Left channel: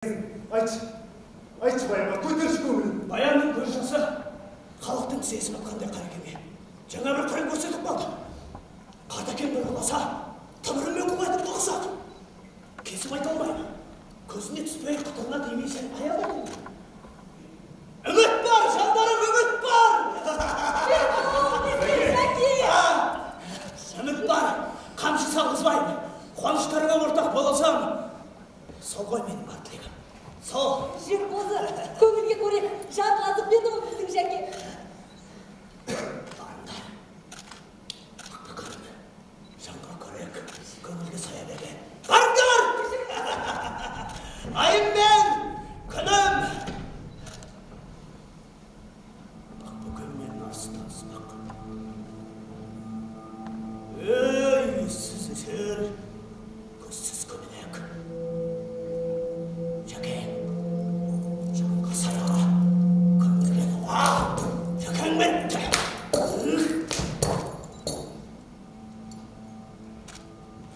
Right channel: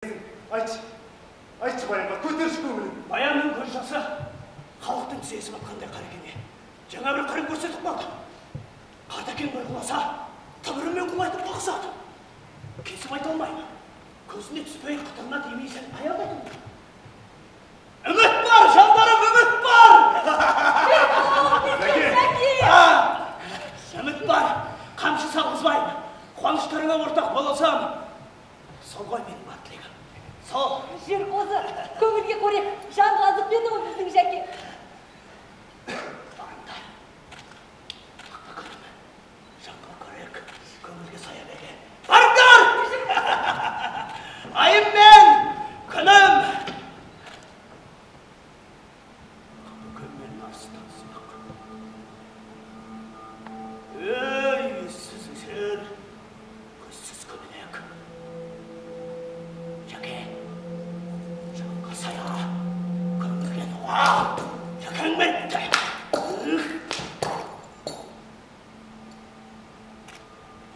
Айтшы баянға, көтерші көңілін. Баянның көз жасы халықтың сезім атқандай қарекене. Жаңа бір қырын көрсетіп қалды. Қартакен бір құласа, тымырымен құлайтып қоқсады. Кесіп айта алмаймын. Көзіне түспей қытырына демейсен аялдадың. Үміт бар, жандарым, үміт бар! Үміт бар, қамшы салғызбаймын. Қуаныштарыңа ортақ болсам, сол ғой менің бар тілегім. Сол. Жер қозы, көңілге қорек, жанға азық берді ғой біздің жәке. Барыңдар. Ақпа көрім, жанға көрек, көңілге сая берген. Барыңдар! Айым мен, күнім! Ақпа көрмен арыстан сынақ. Ей, сіз есер, көзсіз көмелек. Жәке, жанға сая, көңілге дуа, жәкең бетті.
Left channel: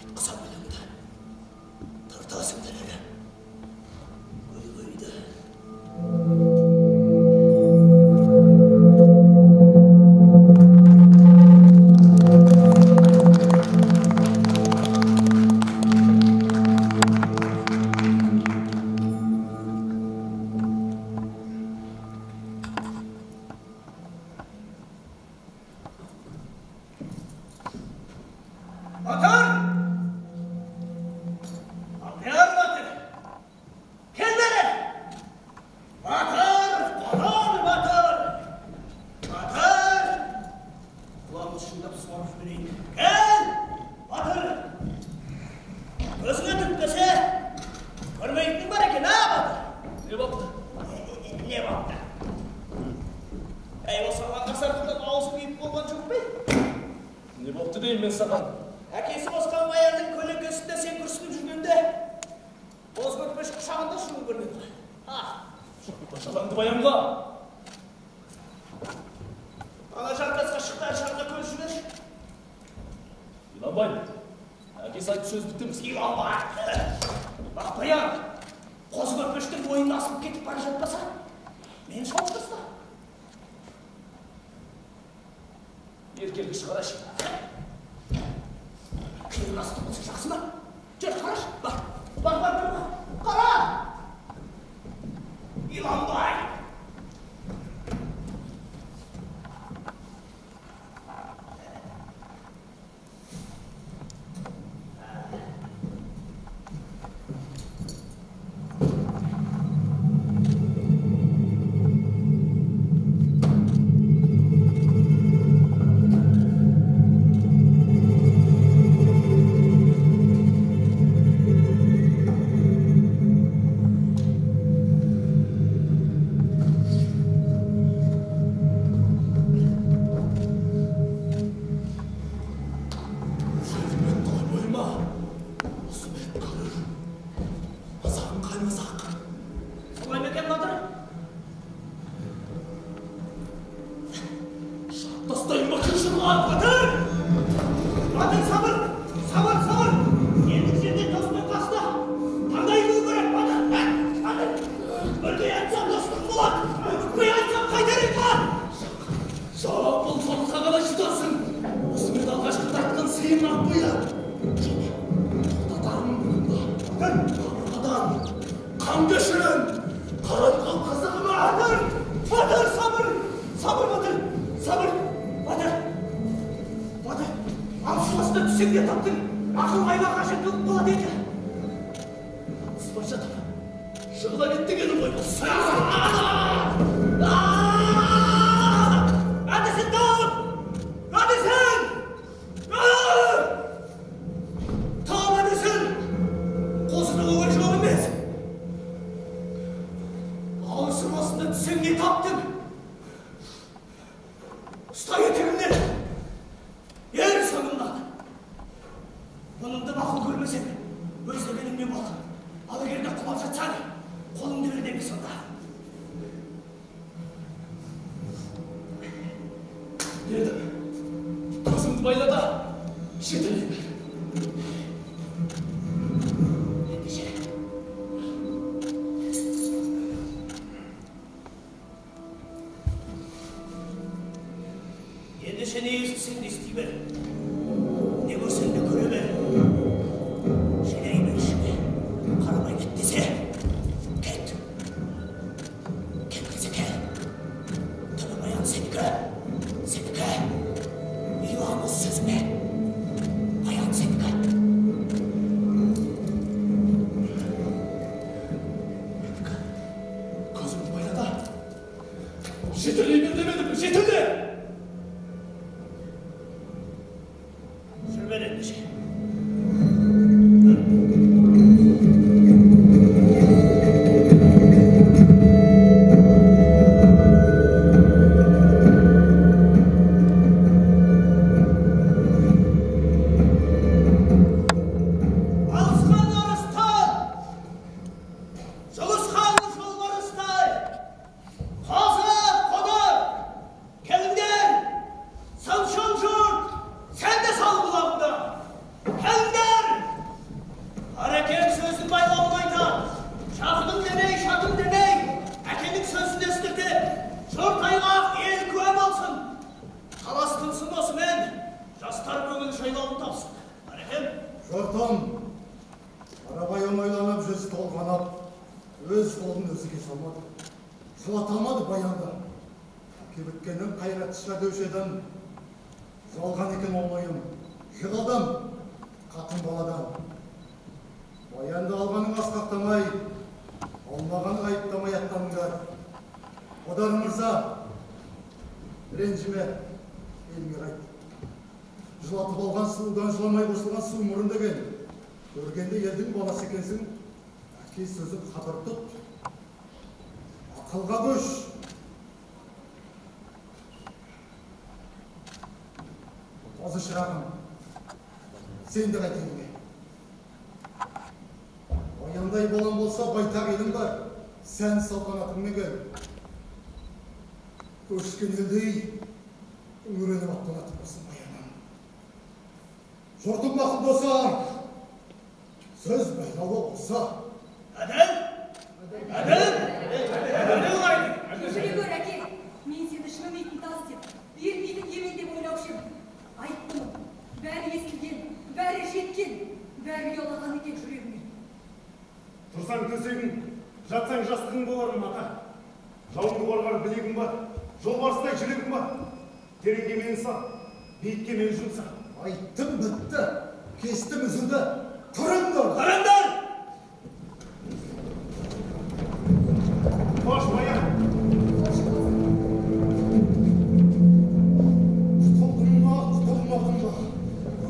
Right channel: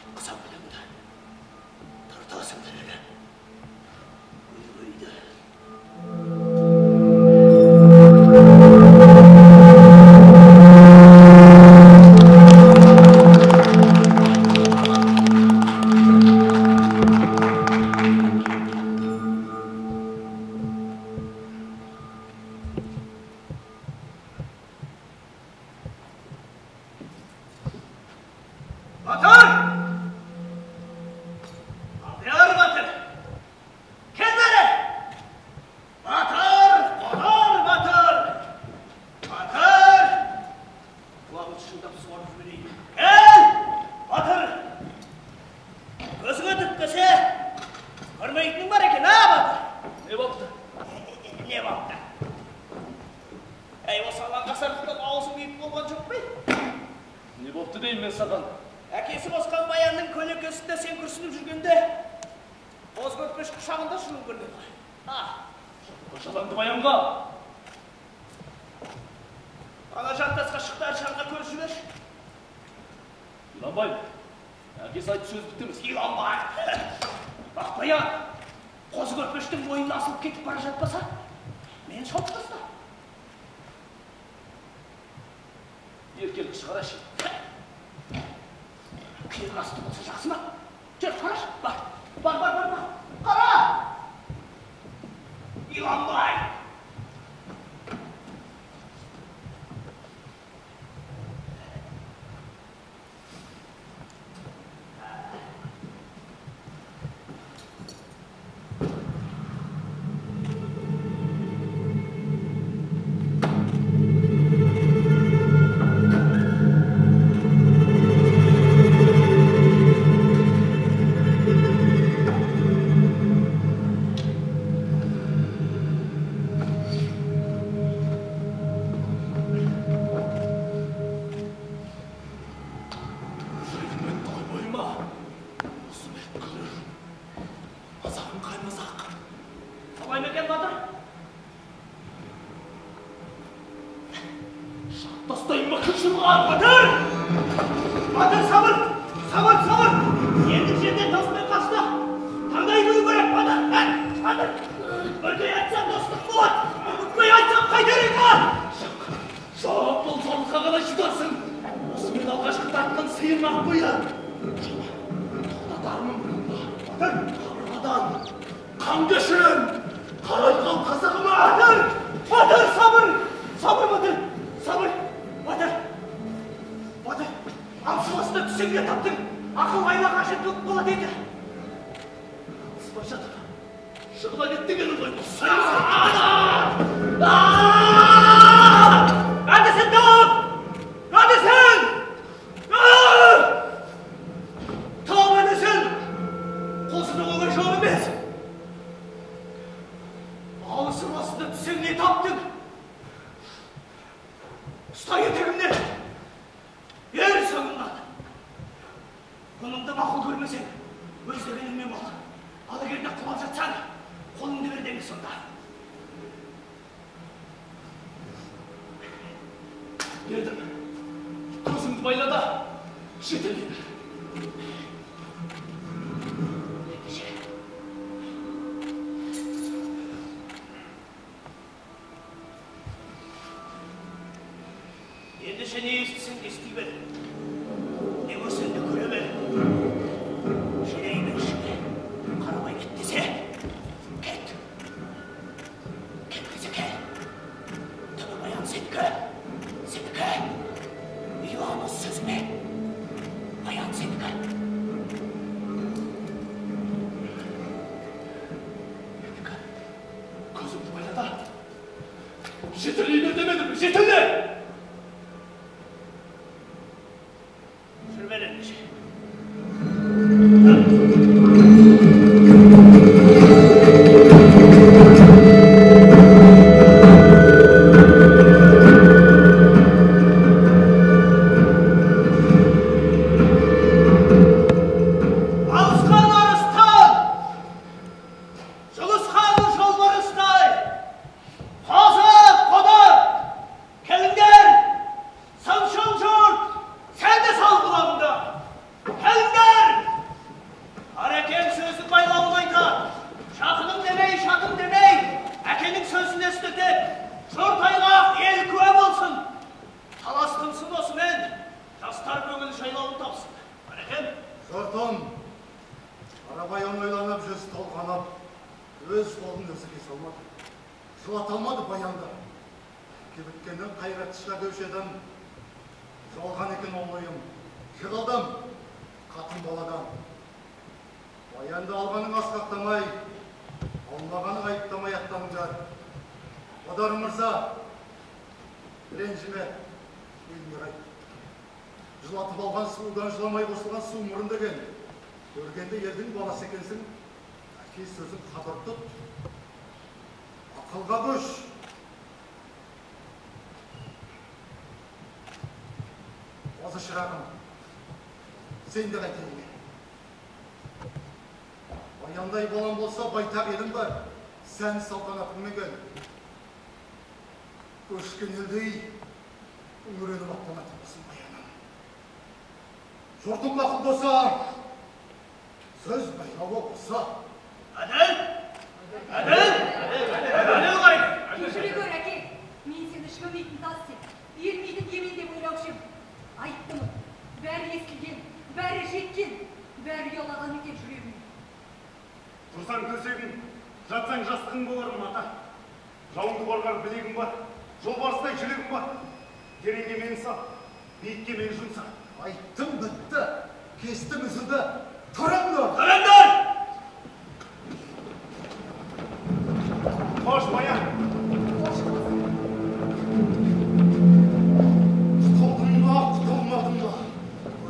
Айтқызам өлеңді, тартасың дәлелі. Өй-өйді. Әкесі босқан баянның көлеңкесінде сен күрсініп жүргенде, боз көрпеш құшағында шылың көрінеді. Башаланды баянға. Ана жартасқа шықтар шаңға көз жүреш. Иланбай, әкесі айтты сөз біттіміз. Иланбай. Бақ баян, қоз көрпештің бойын асылып кетіп бара жатпаса, мені шауып таста. Еркелгі шығарашы. Күйер асты болса жақсы ма? Жүр, қараш, бар. Қара! Иланбай! Батыр, сабыр! Енді жерде тоспай қашты. Таңдай күні көрек, Батыр! Бірдей айтсам достық болады. Үмітпей айтсам қайтарың бар! Жоқ, бұл зорлыққа қалай шыдарсың? Осымен алғашқы тартқан сыйын ақ бұйы. Тоқтатармын бұныңда. Қабырғадан, қан кешірін, қарайған қызығыма. Батыр, сабыр, Батыр, алшылысты түсіңде таптың, ақыл айла қажеттілік болады еді. Алыспай жатыр, жығыла кеттігені ғой бұл. Әдісін тауып! Әдісін! Тауып әдісін! Қосыны оңай жауап емес. Алысың осында түсіңде таптың. Ұста етегімнен. Ер соңымнан. Бұныңды мақұл көрмесең, өздегеніңмен бол. Ал егерде құлап жатсаң, қолыңды бер деме сонда. Бердім. Көзімді байлада, жетелей бер. Ендеше, Endişe ne istesin de isteyber. Ne görsen de göreber. Şineyi ver şimdi. Karamay git dese. Ket. Ket kızı kel. Tabi bayan Sedike. Sedike. Yuvanız sözüme. Bayan Sedike. Sedike. Gözüm bayada. Jeteleyi bir demedim mi? Jetele! Sürmen endişe. Көргенде елдің баласы екенсің, әке сөзін қадір тұт, ақылға көш. Азы шырағым, сен де қайтайын. Баяндай болан болса байтақ елім бар, сән салтанатыңмен кел. Көшкен елдей үйреніп аттанатынбасың баянам. Жұртың мақұл болса, söz bayrağı olsa. Adel! Adel! Adel olaydı. Kешіре көр, әке. Мен сені шынымен тас деп, бермейтін емен деп ойлаушым. Айттым, бәрі естілген, бәрі жеткен, бәрі ұялаған екен жүрегіме. Тұрсаң төсегің, жатсаң жастығың боларым ата. Жауыңды қорғар білегің бар, жолбарыстай жүрегің бар. Тереңге мені сал, биікке мені жұмса. Айттым бітті, кестім үзінді. Тұрыңдар! Тұрыңдар! Қош, баян! Қош қозы. Құтылдың ба, құтылмадың ба?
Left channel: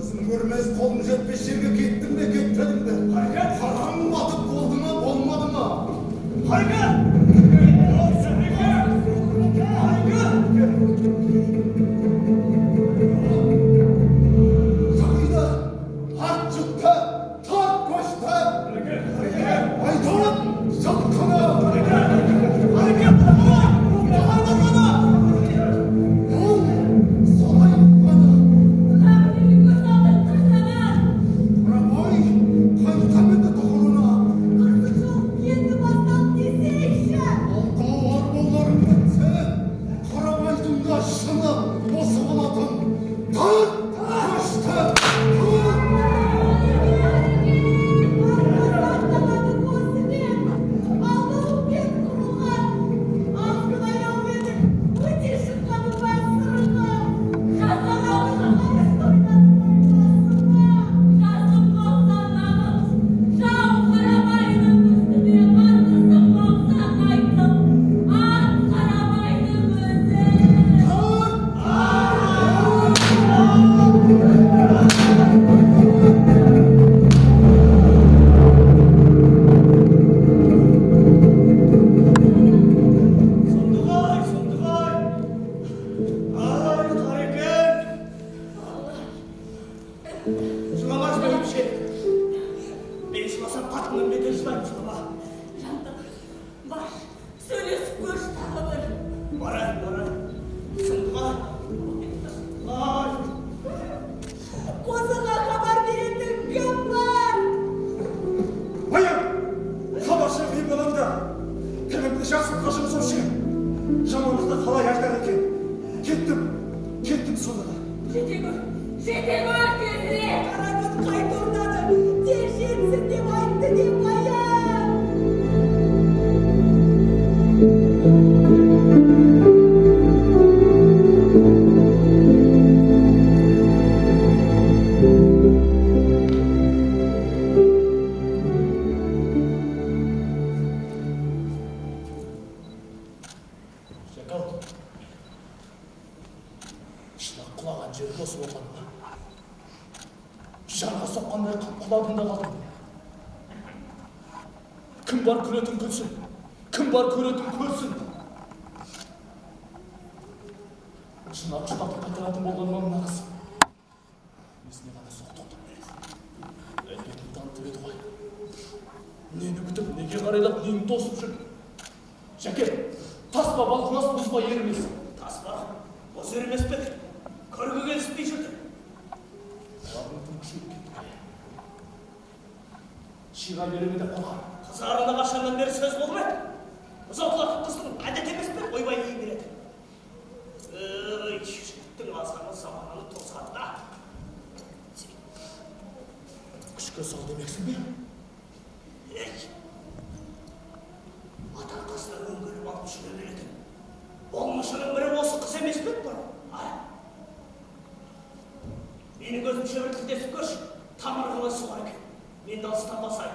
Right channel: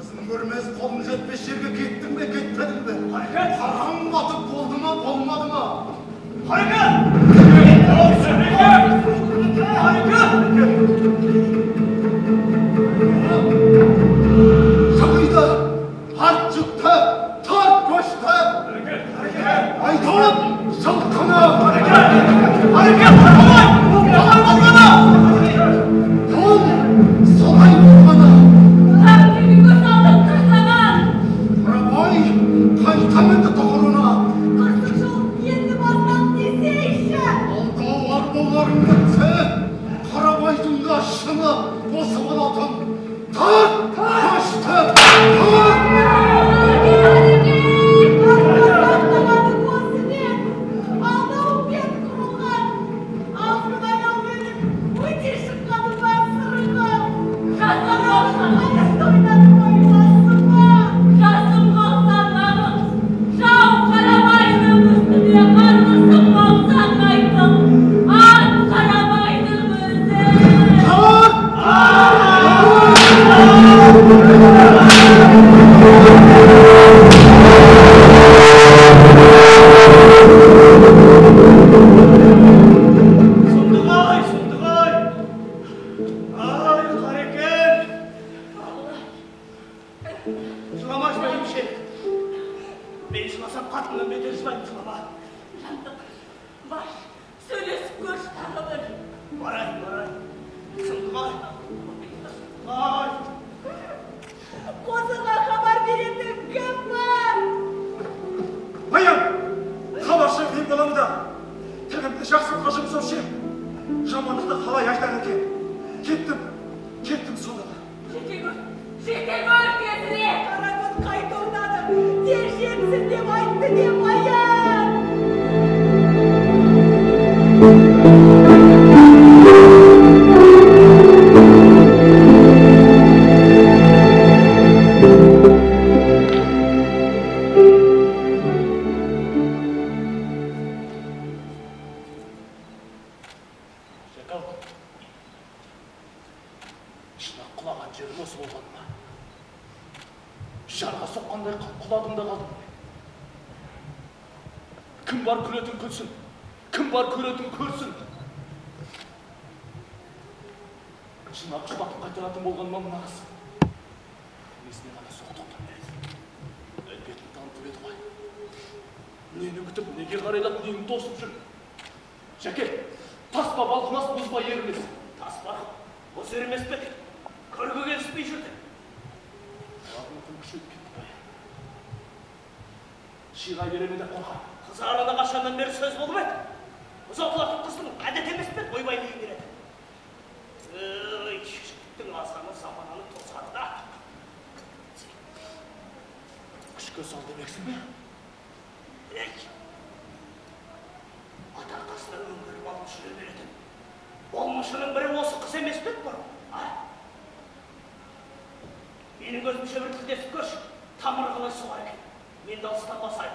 Өзің көрмес, қолың жетпес жерге кеттің бе, кетпедің бе? Харекет! Қараң батып болды ма, болмады ма? Hareket! Şakıydı, harp çıktı, tarp koştu. Aydan, şalkana. Hareket! Kolay bakana! Yol, solay bakana. Kalbimi göz aldım kırsana. Arabay, kaytamındı doğruna. Kırsık жол енді бастап десе işe. Alda var bollarım bitti. Karabaydın kaşını, bosu olatın. Tarp koştu, tarp. кеттің сонда да. Жете гөр тезірек! Қаракөз қайта орнады. Тез жетсін деп айтты деп аян. Шакал, шынақ құлаған жерім осы болғаны ма? Жарға соққандай құладым да қалдым. Кім бар күлетін күлсін, кім бар көретін көрсін. Шынақ ұштатып қайтаратын болған ма мына қыз? Несіне ғана соқтықтан береді. Әлбетін танытып еді ғой. Нені күтіп, неге қарайлап, нені тосып жүр? Жәке, таспа балқымас, бұзба ерімес. Таспа, бұз ерімес пе? Көрге келіспей жүрді. Бағыңтың күшейіп кетті баян. Шиға береме де қорған. Қыз араны қашаннан бері сөз болып еді. Ұзатылатын қыздың әдет емес пе? Ойбай дейін келеді. Жігіттің асаны замананы тосқанда. Күшке сал демексің бе? Ата қасына өңгеріп алып жүре береді. Болмышының бірі осы қыз емес пе бар? Менің өзімше бір тілдесіп көрші. Тамыр қалай суға екен. Мен де алыстан басайын.